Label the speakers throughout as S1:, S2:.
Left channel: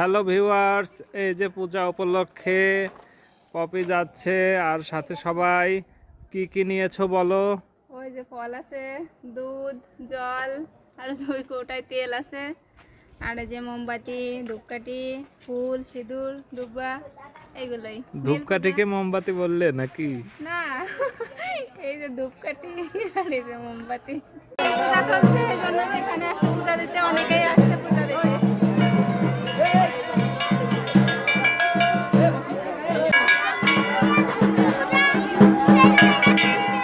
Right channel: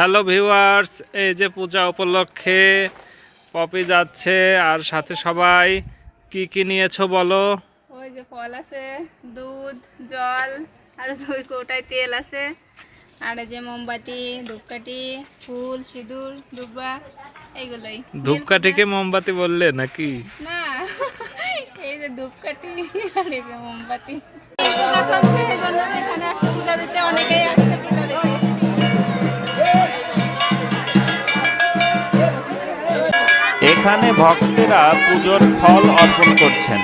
S1: Hello viewers এই যে পূজা উপলক্ষে পপি যাচ্ছে আর সাথে সবাই কি কি নিয়েছো বলো?
S2: ওই যে ফল আছে দুধ জল আর ওই কৌটায় তেল আছে। আর এই যে মোমবাতি ধূপকাঠি ফুল সিঁদুর দুব্বা এইগুলোই।
S1: ধূপকাঠিকে মোমবাতি বললে নাকি?
S2: না এই যে ধূপকাঠি আর এই যে মোমবাতি। চলছে।
S1: ফল অর্পণ করছেন।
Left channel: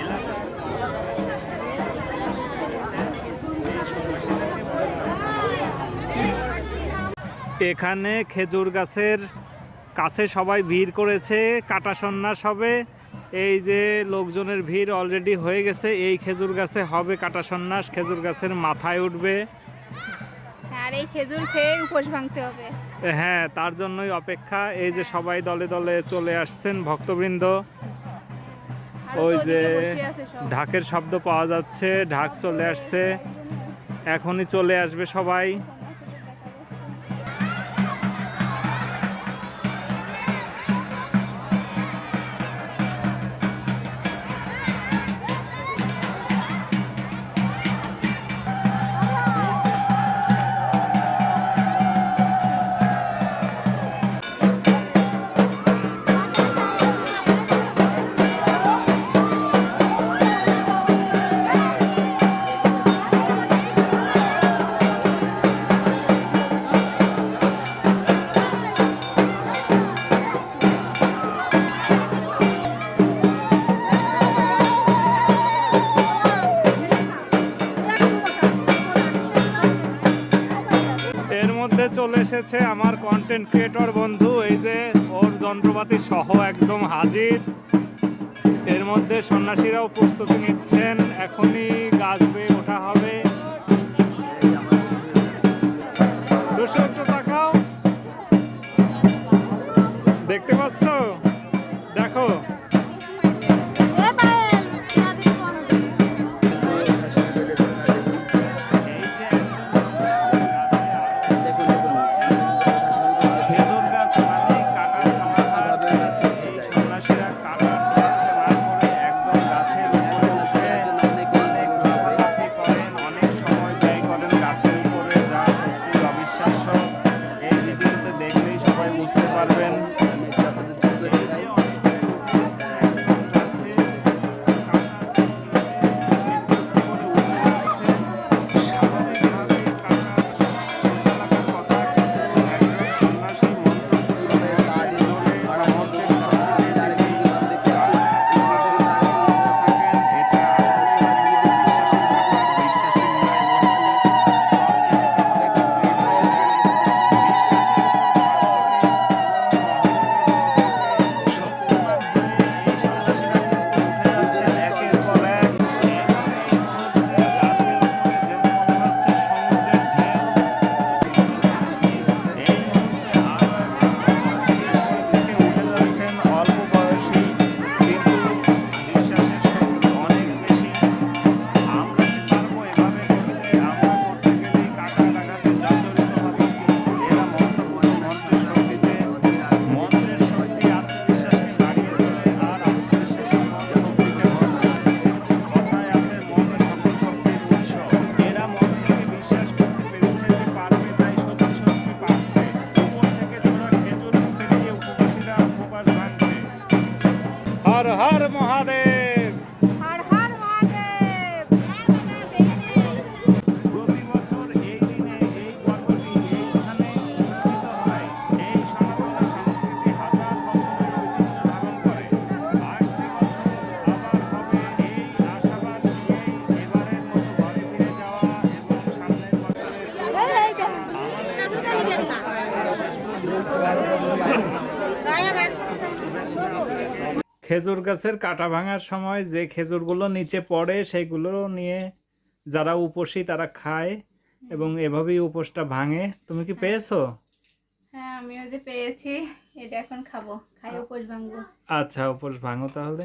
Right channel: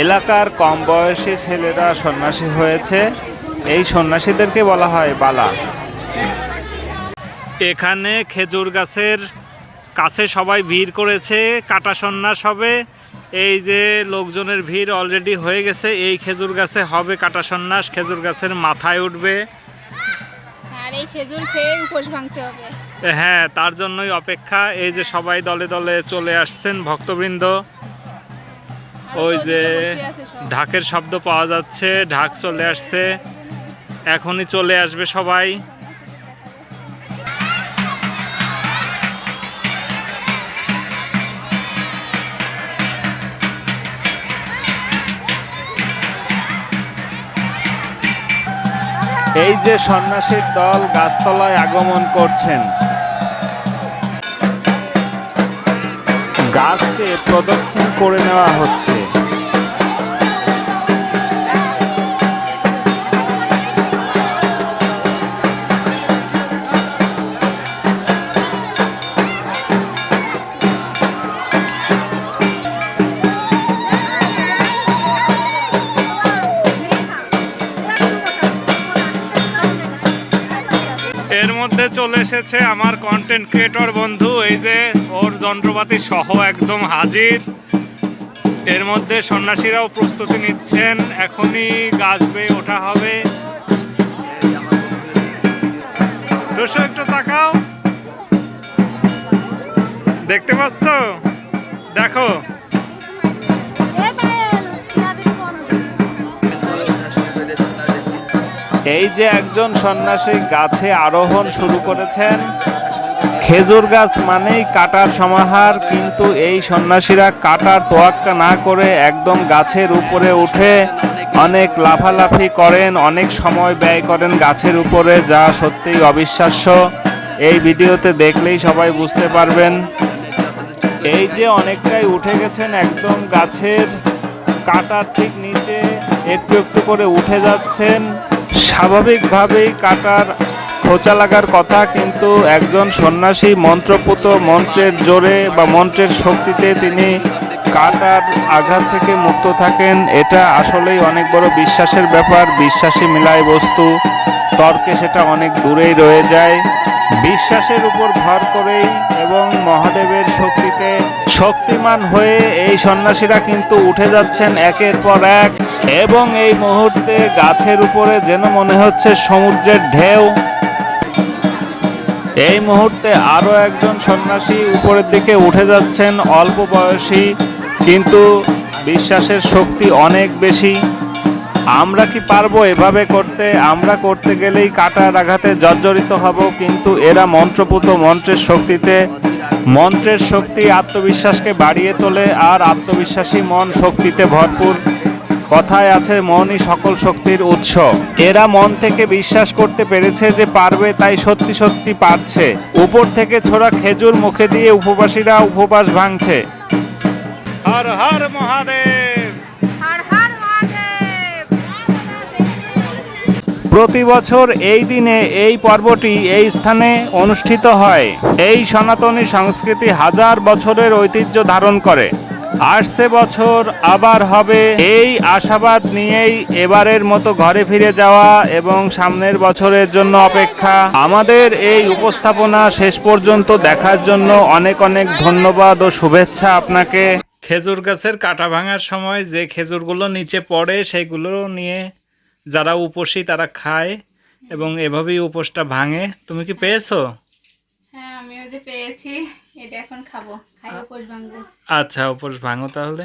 S1: এলাকার কম বয়সী ছেলেরা সন্ন্যাসী হয়েছে। এই সন্ন্যাসীদেরকে বলা হয় বালা। এখানে খেজুর গাছের কাছে সবাই ভিড় করেছে কাটা সন্ন্যাস হবে। এই যে লোকজনের ভিড় অলরেডি হয়ে গেছে এই খেজুর গাছে হবে কাটা সন্ন্যাস খেজুর গাছের মাথায় উঠবে।
S2: আর এই খেজুর খেয়ে উপোস ভাঙতে হবে।
S1: হ্যাঁ তার জন্যই অপেক্ষা। এই যে সবাই দলে দলে চলে আসছেন ভক্তবৃন্দ। ওই যে। ঢাকের শব্দ পাওয়া যাচ্ছে ঢাক চলে আসছে। এখনই চলে আসবে সবাই। এই যে সন্ন্যাসীর দল গাছতলায় আগমন করছেন। গাছকে প্রদক্ষিণ করে নেওয়া হচ্ছে। এর মধ্যে চলে এসেছে আমার কন্টেন্ট ক্রিয়েটর বন্ধু, এই যে ওর যন্ত্রপাতি সহ একদম হাজির। এর মধ্যে সন্ন্যাসীরাও প্রস্তুতি নিচ্ছেন, এখনই গাছ বেয়ে ওঠা হবে। টুসু একটু তাকাও। দেখতে পাচ্ছ? দেখো। এই যে একজন সন্ন্যাসী গাছে আরোহণ শুরু করেছেন, খেজুর গাছ মানেই কাটার সমাহার, কিন্তু এই সন্ন্যাসীরা কাটার তোয়াক্কা না করে একদম গাছের উপরে উঠে অনেক লাফালাফি করেন, অনেক সময় ব্যয় করেন গাছের উপরে, যা সত্যিই অবিশ্বাস্য। এই ভিডিওতে দেখলেই সবাই বুঝতে পারবেন। এই যে অনেকটাই উঠে গেছেন একদম গাছের কাটার ঠিক নিচে, একটু একটু করে উঠে যাচ্ছেন। স্বাভাবিকভাবেই কাটার খোঁচা লাগার কথা, কিন্তু একজন সন্ন্যাসী মন্ত্রপুত মন্ত্রের জোরে বা মন্ত্রের শক্তিতে তিনি কাটার আঘাত থেকে মুক্ত থাকেন। এটা আসলেই অনেক বড় বিশ্বাসের ব্যাপার, বিশ্বাসী মিলায় বস্তু, তর্কে সেটা অনেক দূরেই রয়ে যায়। বিশ্বাসের উপর ভর করেই শক্তিমান হয়ে এই সন্ন্যাসীরা কিন্তু উঠে যাচ্ছেন একের পর এক। এবং এই মুহূর্তে গাছের উপরে যেন মনে হচ্ছে সমুদ্রের ঢেউ। এই মুহূর্তে আরও একজন সন্ন্যাসী উপরের দিকে উঠে যাচ্ছেন, অল্প বয়সী, কিন্তু বিশ্বাসের শক্তি অনেক বেশি। আমরা কি পারব এভাবে করতে? আমরা করতে গেলেই কাটার আঘাতে জর্জরিত হব, কিন্তু এরা মন্ত্রপুত মন্ত্রের শক্তিতে মন্ত্রের শক্তি আত্মবিশ্বাসকে বাড়িয়ে তোলে আর আত্মবিশ্বাসী মন শক্তিতে ভরপুর। কথায় আছে, মনই সকল শক্তির উৎস। এরা মন থেকে বিশ্বাস করতে পেরেছে যে পারবে, তাই সত্যি সত্যি পারছে। উপর থেকে ছোড়া খেজুর মুখে দিয়ে উপবাসীরা উপবাস ভাঙছে।
S2: হর হর মহাদেব!
S1: প্রতি বছর এই দিনে এই পর্বটি এই স্থানে অনুষ্ঠিত হয়। এই সনাতনী সংস্কৃতি হাজার বছরের ঐতিহ্য ধারণ করে। আসছে বছর আবার হবে এই আশাবাদ নিয়েই এবারের মতো ঘরে ফিরে যাওয়া এবং সামনের বছরের জন্য অপেক্ষা। আমাদের এই উপস্থাপনা শেষ পর্যন্ত দেখার জন্য অনেক অনেক ধন্যবাদ ও শুভেচ্ছা আপনাকে। খেজুর গাছের কাটা ভাঙার সময় যে খেজুরগুলো নিচে পড়ে সেগুলো নিয়ে যারা উপোসী তারা খায় এবং এভাবেই উপোসটা ভাঙে। তুমি কি পেয়েছ?
S2: হ্যাঁ আমিও যে পেয়েছি এটা এখন খাব। খাই উপোস ভাঙবো।
S1: আচ্ছা উপোস ভাঙো তাহলে।